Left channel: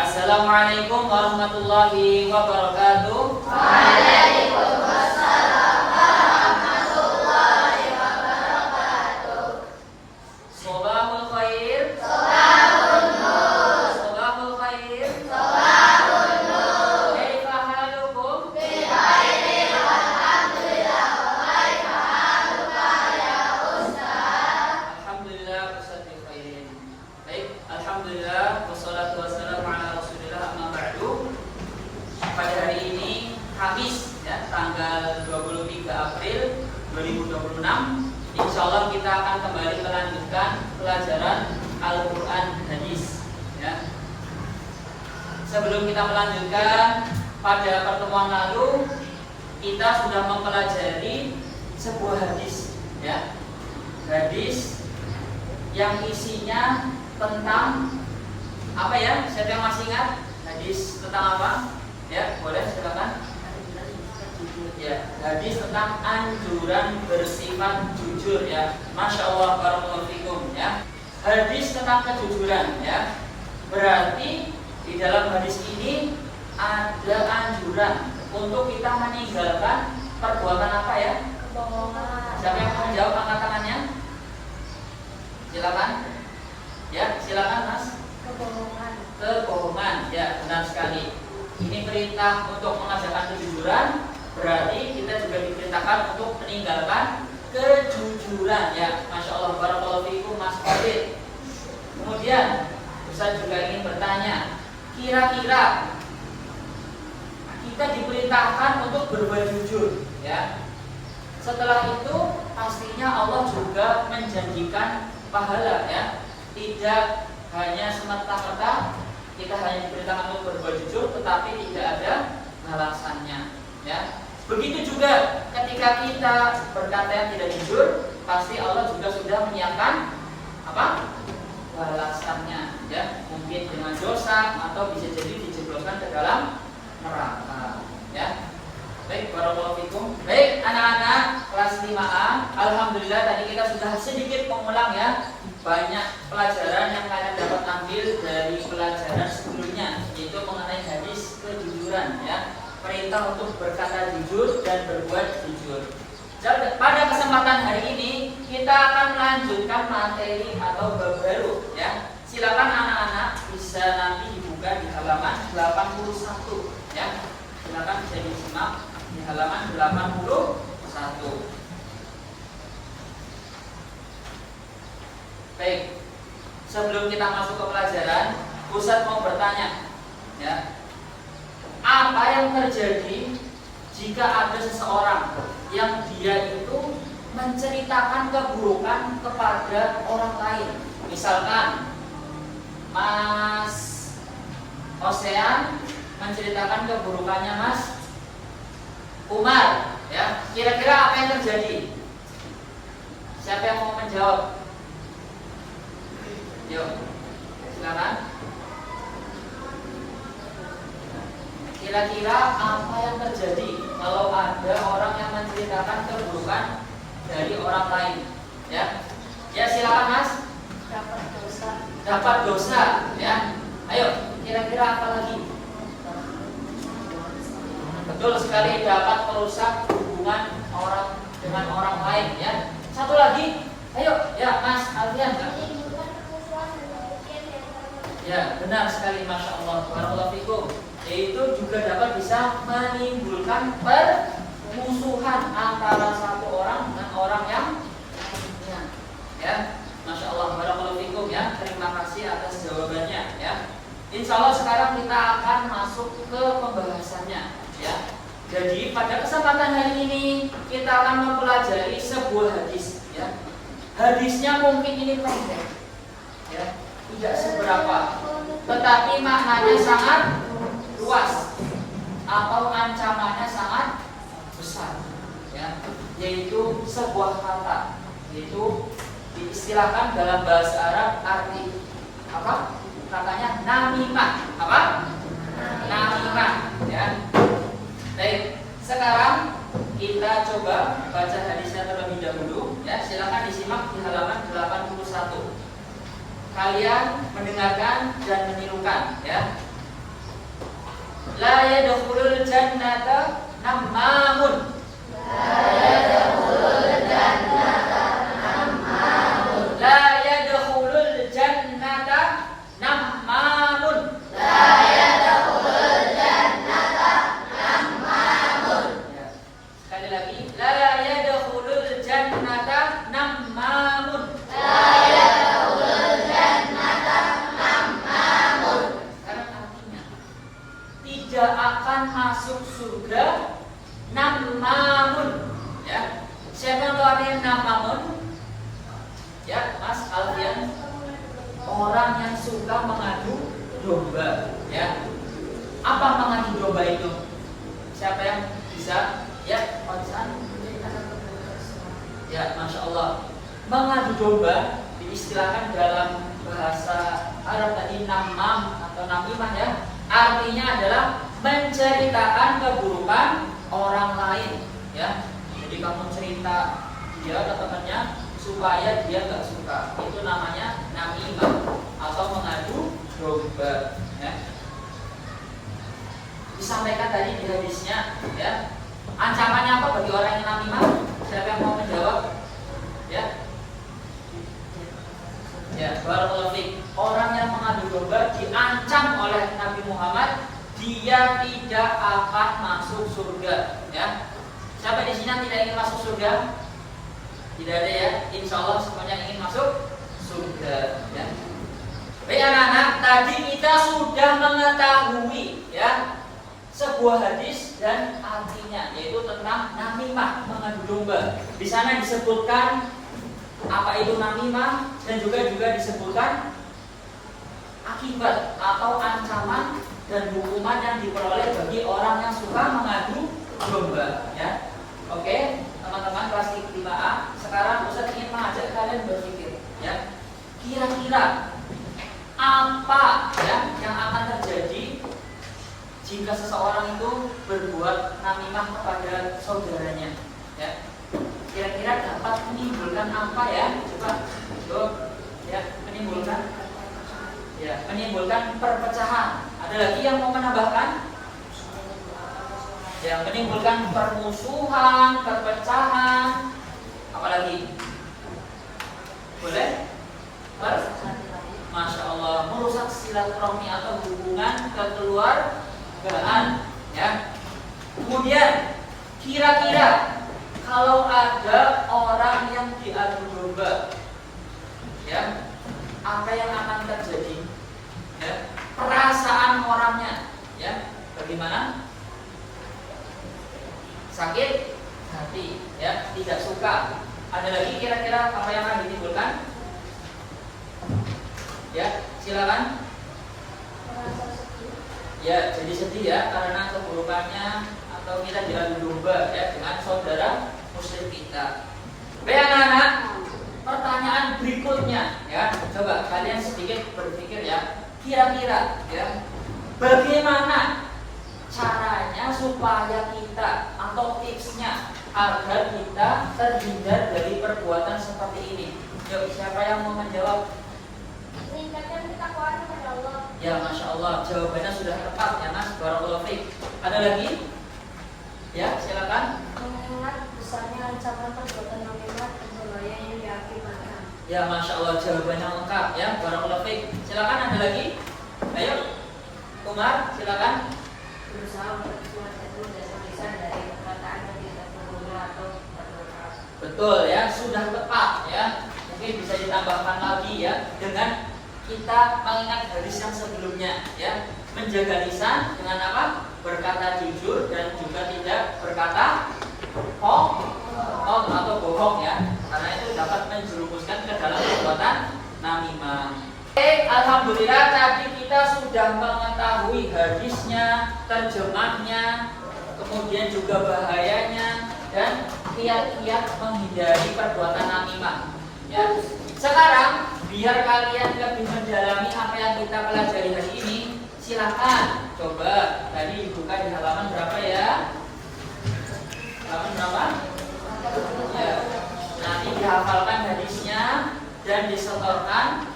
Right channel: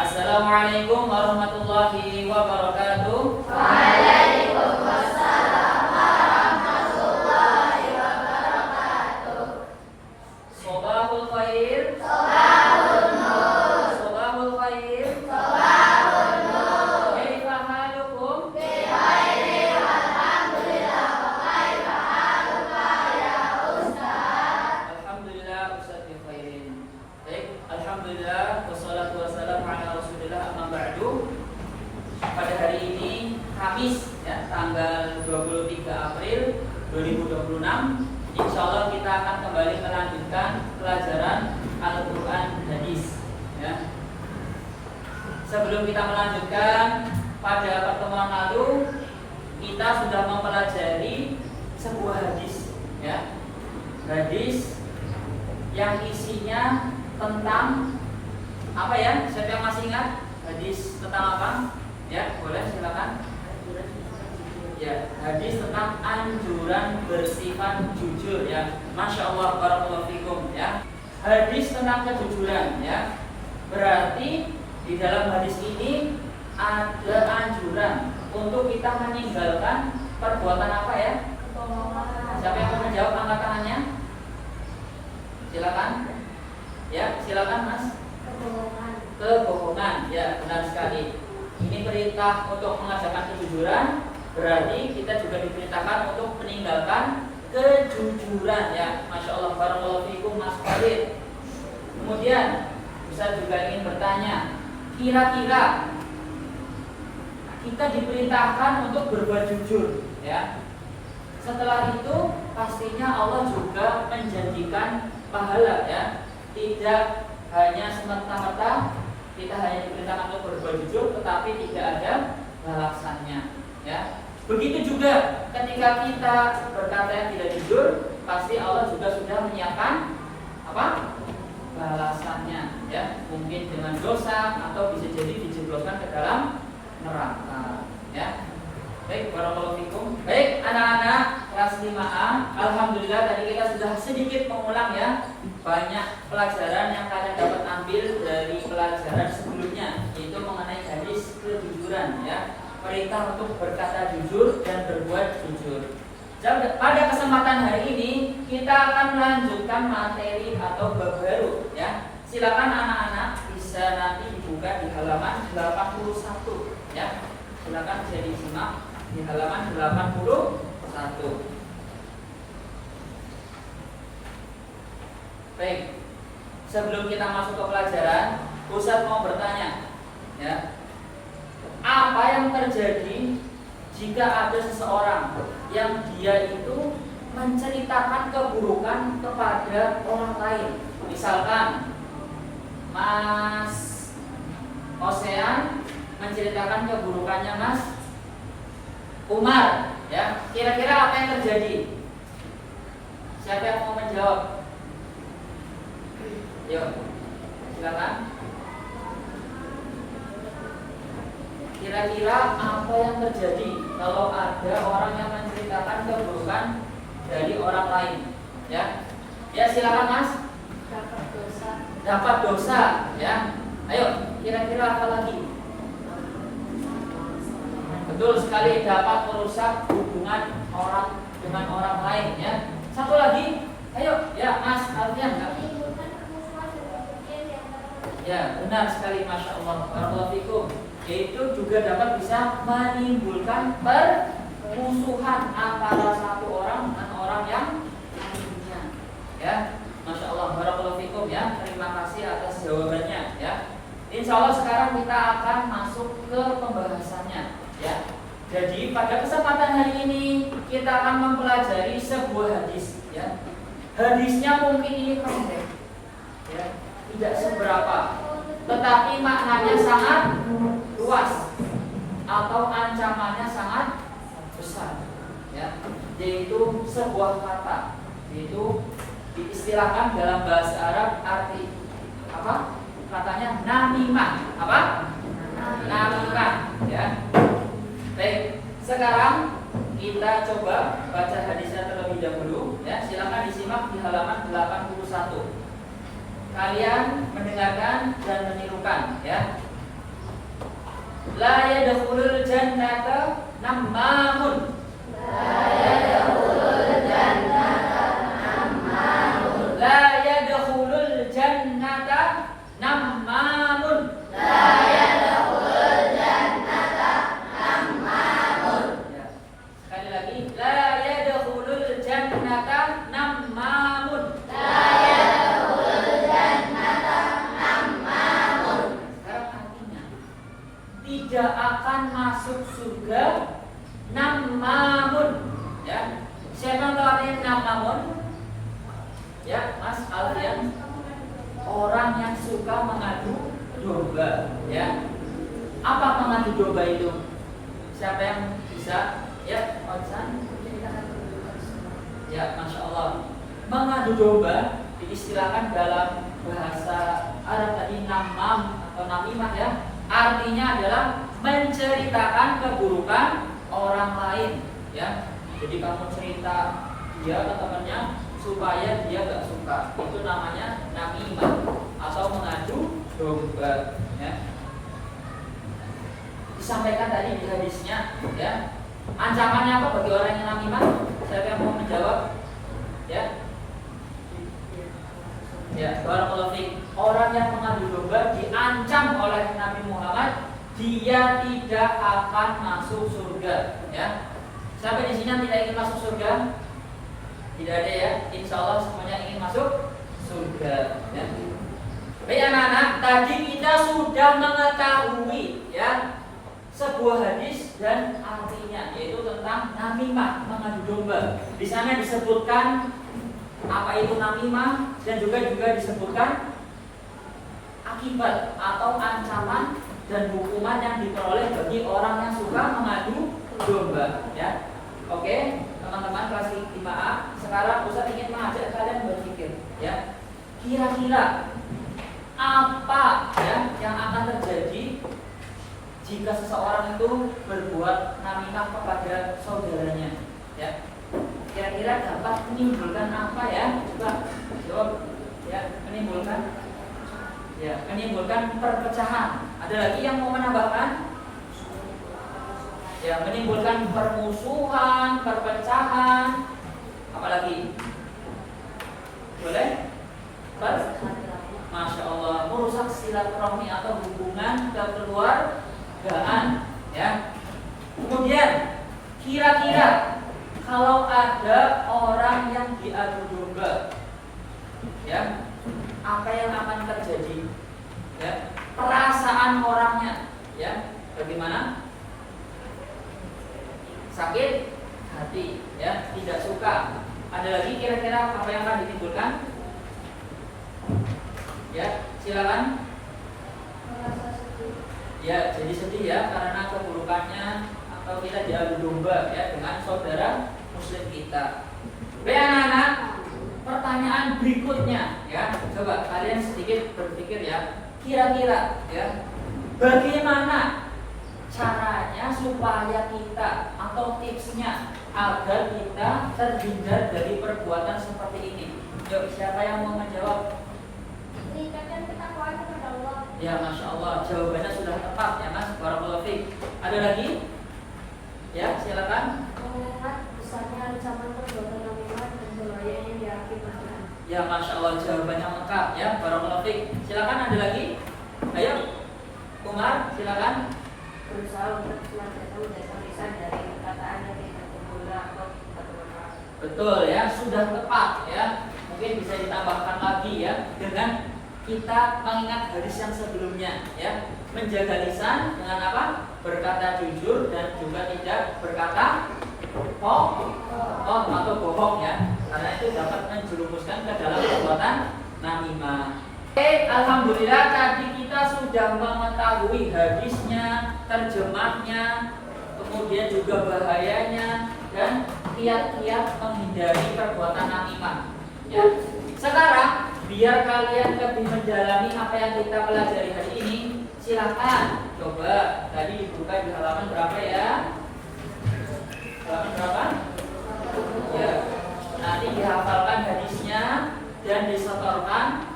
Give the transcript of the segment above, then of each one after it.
Assalamualaikum warahmatullahi wabarakatuh. Waalaikumsalam warahmatullahi wabarakatuh. Sobahul khair. Sobahun nur. Sobahul khair. Sobahun nur. Kaifa halukum? Bikhair walhamdulillah. Wa kaifa haluka ya Ustaz? Alhamdulillah Ustaz bi khairin. Baik, alhamdulillah wassalatu wassalamu ala Rasulillah amma ba'du. Pada hari ini Kamis ya, tanggal 23 April 2026, insyaallah kita akan kembali melanjutkan pelajaran Al-Qur'an Hadis ya. Sebelum kita melanjutkan, pada pertemuan lalu kita sudah mempelajari sebuah hadis ya. Hadis yang isinya tentang apa ya? Siapa yang masih ingat? Hadis tentang apa? Ya, boleh silakan. Ya, hadis tentang anjuran bersifat jujur ya. Masya Allah, barakallahu fikum ya. Hadis tentang kejujuran ya. Berarti di dalam hadis ini ada anjuran untuk kita meninggalkan perbuatan apa ya? Siapa yang mau menjawab, angkat tangannya? Silakan. Ya, silakan Mas. Kebohongan. Ya, benar sekali. Ini perintah untuk mengajarkan kejujuran, berarti kita juga diperintahkan untuk meninggalkan kejujuran ya. Masya Allah, barakallahu fikum Mas Khalid. Kemudian Ustaz juga ingin bertanya, kira-kira kita diperintahkan untuk berbuat jujur ya. Setelah itu pastinya Allah juga menjanjikan pahala ya. Tidak hanya semata-mata kita hanya diperintahkan untuk berbuat jujur, tetapi tidak ada balasannya ya. Begitu juga ketika kita berkata yang tidak jujur, pasti Allah juga sudah menyiapkan apa? Balasannya ya. Mungkin dengan dosa atau bisa jadi dijebloskan ke dalam neraka ya. Baik, barakallahu fikum. Baik, anak-anak kelas 5A, alhamdulillah tadi kita sudah sedikit mengulang ya banyak pelajaran yang kalian dapat ambil dari pelajaran sebelumnya, yaitu mengenai hadis kejujuran ya. Perintah untuk berkata jujur dan berbuat jujur. Dan pada kesempatan hari ini kita akan melanjutkan materi atau bab baru ya. Silakan anak-anak bisa nanti dibuka di halaman 81 ya. Silakan bisa disimak di halaman 81. Baik, sebelum kita masuk ke pelajaran, Ustaz mau bertanya ya. Apa yang terjadi jika ada seseorang yang dia itu menceritakan keburukan kepada orang lain? Misalkan Mas Osean menceritakan keburukannya Mas Umar ya. Kira-kira apa yang terjadi? Siapa yang mau menjawab? Yuk, silakan. Kira-kira apa yang terjadi kalau ada orang yang menceritakan keburukan dari orang lain? Ya, ya silakan Mas. Dapat dosa. Dapat dosa, ya. Ayo, kira-kira apa lagi? Betul sekali, dapat merusak hubungan orang dengan orang lain, ya. Satu lagi, ayo, ya Mas Alfian. Ya, benar sekali, Masya Allah, barakallahu fikum. Yaitu juga dapat bisa menimbulkan permusuhan antara satu orang dengan orang yang lainnya. Ya, Masya Allah, barakallahu fikum ya. Terima kasih atas jawabannya ya. Insya Allah sekarang kita akan masuk ke pembahasannya ya. Jadi pada kesempatan hari ini kita akan mempelajari sebuah hadis ya. Hadisnya mungkin ini pendek ya, tidak seberapa, tetapi maknanya sangat luas atau ancamannya sangat besar ya, yaitu sebuah kata, yaitu diistilahkan dalam bahasa Arab arti apa? Katanya namimah. Apa? Namimah ya. Baik, sekarang kita coba baca hadisnya terlebih dahulu ya. Silakan disimak di halaman 81. Kalian mendengarkan dan menirukan ya. La yadkhulul jannata nammamun. La yadkhulul jannata nammamun. La yadkhulul jannata nammamun. La yadkhulul jannata nammamun. Sekali lagi, la yadkhulul jannata nammamun. La yadkhulul jannata nammamun. Sekarang artinya, tidak akan masuk surga nammamun. Ya, siapa tahu artinya nammamun? Ya, Mas Alfian. Orang yang suka mengadu domba, ya. Apa mengadu domba itu? Siapa yang bisa? Ya, Konsan. Ya, masya Allah. Mengadu domba diistilahkan dalam bahasa Arab tadi namam atau namimah, ya. Artinya adalah menceritakan keburukan orang lain, ya. Jadi kamu cerita dia ke temannya supaya dia gak suka, itu namanya namimah atau mengadu domba, ya. Disampaikan tadi di hadisnya, ya. Ancamannya apa bagi orang yang namimah? Siapa yang mau menjawab? Ya. Ya, barakallahu fiik. Orang yang mengadu domba diancam oleh Nabi Muhammad, dia tidak akan masuk surga, ya. Siapa di sini tidak ingin masuk surga? Tidak ada, ya. Insya Allah semuanya ingin masuk surga, ya. Baik anak-anak, tadi kita sudah mengetahui, ya, sebuah hadis dan artinya, yaitu tentang namimah, mengadu domba. Di sana disebutkan apa itu namimah dan juga disebutkan akibat atau ancaman dan hukuman yang diperoleh bagi orang yang suka mengadu domba, ya. Oke, teman-teman kelas 5A, sekarang Ustaz ingin mengajak kalian berpikir, ya. Kira-kira apa, ya, yang akan terjadi jika seseorang itu berbuat namimah kepada saudaranya, ya. Kira-kira dapat menimbulkan apa, ya? Coba, ya, menimbulkan perpecahan. Ada lagi yang mau menambahkan? Ya, menimbulkan permusuhan, perpecahan, apalagi? Boleh? Masya Allah, merusak silaturahmi atau hubungan kekeluargaan, ya. Kemudian, kira-kira kalau ada orang yang diadu domba, ya, apa yang akan terjadi? Ya, perasaan orangnya, ya, bagaimana? Sakit hati, ya, tidak suka. Ada lagi kira-kira apa yang akan ditimbulkan? Ya, silakan. Ya, jadi sedih, ya, karena keburukannya atau kita diadu domba, ya, dengan saudara muslim kita. Baik anak-anak, pertanyaan berikutnya, ya, coba kalian sedikit berpikir, ya, kira-kira, ya, bagaimana caranya supaya kita atau tipsnya agar kita terhindar dari perbuatan seperti ini? Yuk, siapa yang mau menjawab? Meningkatkan ketakwaan kepada Allah. Ya, masya Allah, jawabannya sudah tepat, ya Mas. Barakallahu fiik. Ada lagi? Ya, silakan. Mengingat besarnya ancaman perbuatan namimah dan bahaya yang diakibatkan. Ya, masya Allah, jawabannya lengkap, ya. Barakallahu fiik. Silakan, ada lagi? Ayo, Umar, silakan. Berusaha untuk senantiasa lisan dari perkataan yang tidak tergoda atau Betul, ya, sudah tepat, ya. Mungkin bisa ditambahkan lagi, ya, dengan kita mengingat hadis yang sebelumnya, ya. Menjaga lisan dengan apa? Berkata jujur dan juga tidak berkata atau bohong, ya. Karena itu dapat menjerumuskan ke dalam perbuatan namimah. Alhamdulillah tadi kita sudah mengetahui hadisnya, terjemahnya, kemudian juga bahayanya dan kiat-kiat menghindari perbuatan namimah. Ya. Sekarang biar kalian lebih mendalami apa yang kita pelajari hari ini, silakan coba tadi buka di halaman berapa, ya? Halaman berapa? Ya. Nanti dihafalkan hadisnya dan disetorkan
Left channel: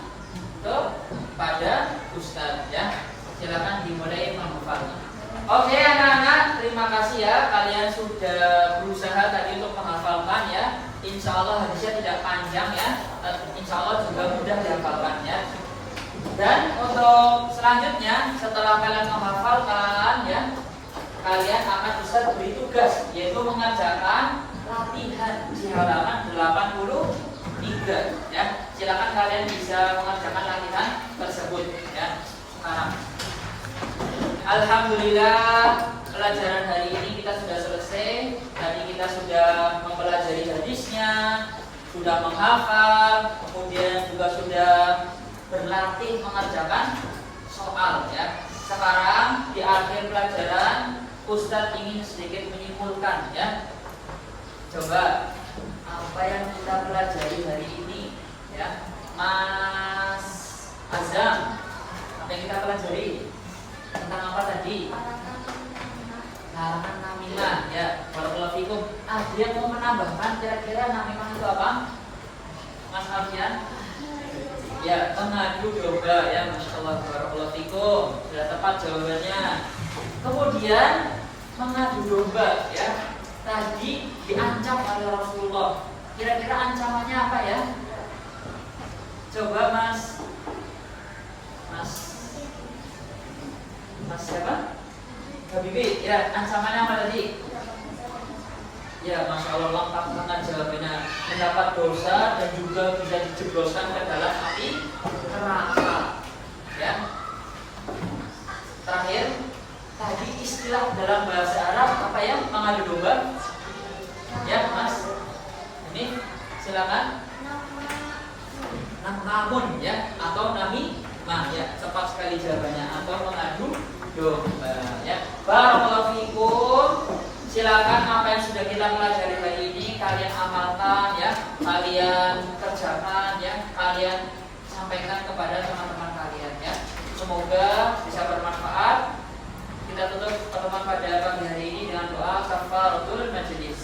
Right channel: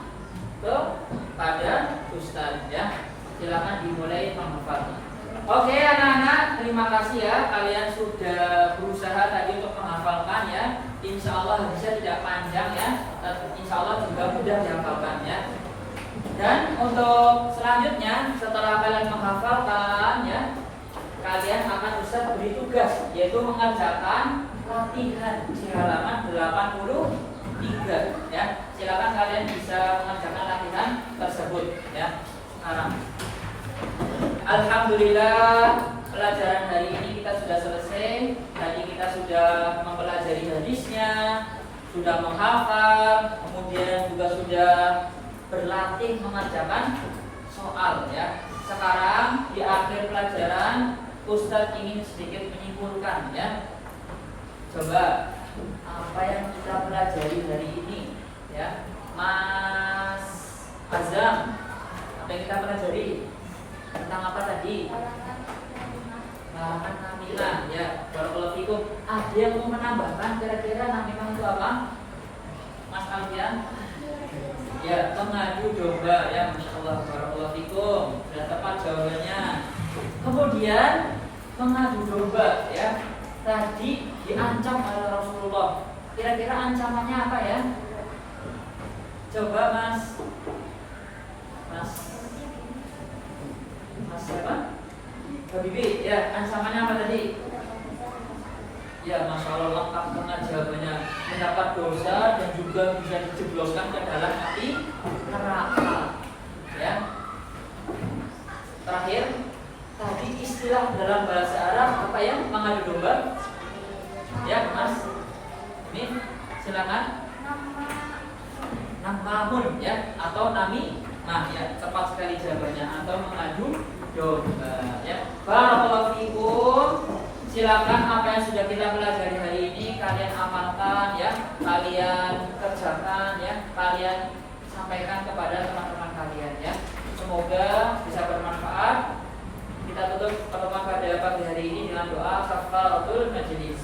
kepada Ustaz, ya. Silakan dimulai menghafal. Oke anak-anak, terima kasih ya kalian sudah berusaha tadi untuk menghafalkan ya. Insya Allah hadisnya tidak panjang ya. Insya Allah juga mudah dihafalkan ya. Dan untuk selanjutnya setelah kalian menghafalkan ya, kalian akan bisa beri tugas yaitu mengerjakan latihan di halaman 83 ya. Silakan kalian bisa mengerjakan latihan tersebut ya. Sekarang alhamdulillah pelajaran hari ini kita sudah selesai. Tadi kita sudah mempelajari hadisnya, sudah menghafal, kemudian juga sudah berlatih mengerjakan soal ya. Sekarang di akhir pelajaran Ustadz ingin sedikit menyimpulkan ya. Coba apa yang kita pelajari hari ini ya, Mas Azam, apa yang kita pelajari tentang apa tadi? Halaman kamilah ya. Barakallahu fikum. Ada yang mau menambahkan kira-kira nama itu apa? Mas Alfian? Ya, mengadu domba ya, Masya Allah, barakallahu fikum. Sudah tepat jawabannya. Kemudian mengadu domba ya, tadi diancam oleh Rasulullah. Kira-kira ancamannya apa ya? Coba Mas siapa? Habibie, ya ancamannya apa tadi? Ya, Masya Allah, lengkap banget jawabannya. Mendapat dosa dan juga bisa dijebloskan ke dalam api neraka. Ya. Terakhir, tadi istilah dalam bahasa Arab apa ya? Mengadu domba. Ya, Mas. Ini silakan. Namun ya, atau nami mah ya, tepat sekali jawabannya, atau mengadu domba ya. Barakallahu fikum. Silakan apa yang sudah kita pelajari hari ini kalian amalkan ya, kalian kerjakan ya, kalian sampaikan kepada teman-teman kalian ya. Semoga bisa bermanfaat. Kita tutup pertemuan pada pagi hari ini dengan doa kafaratul majlis.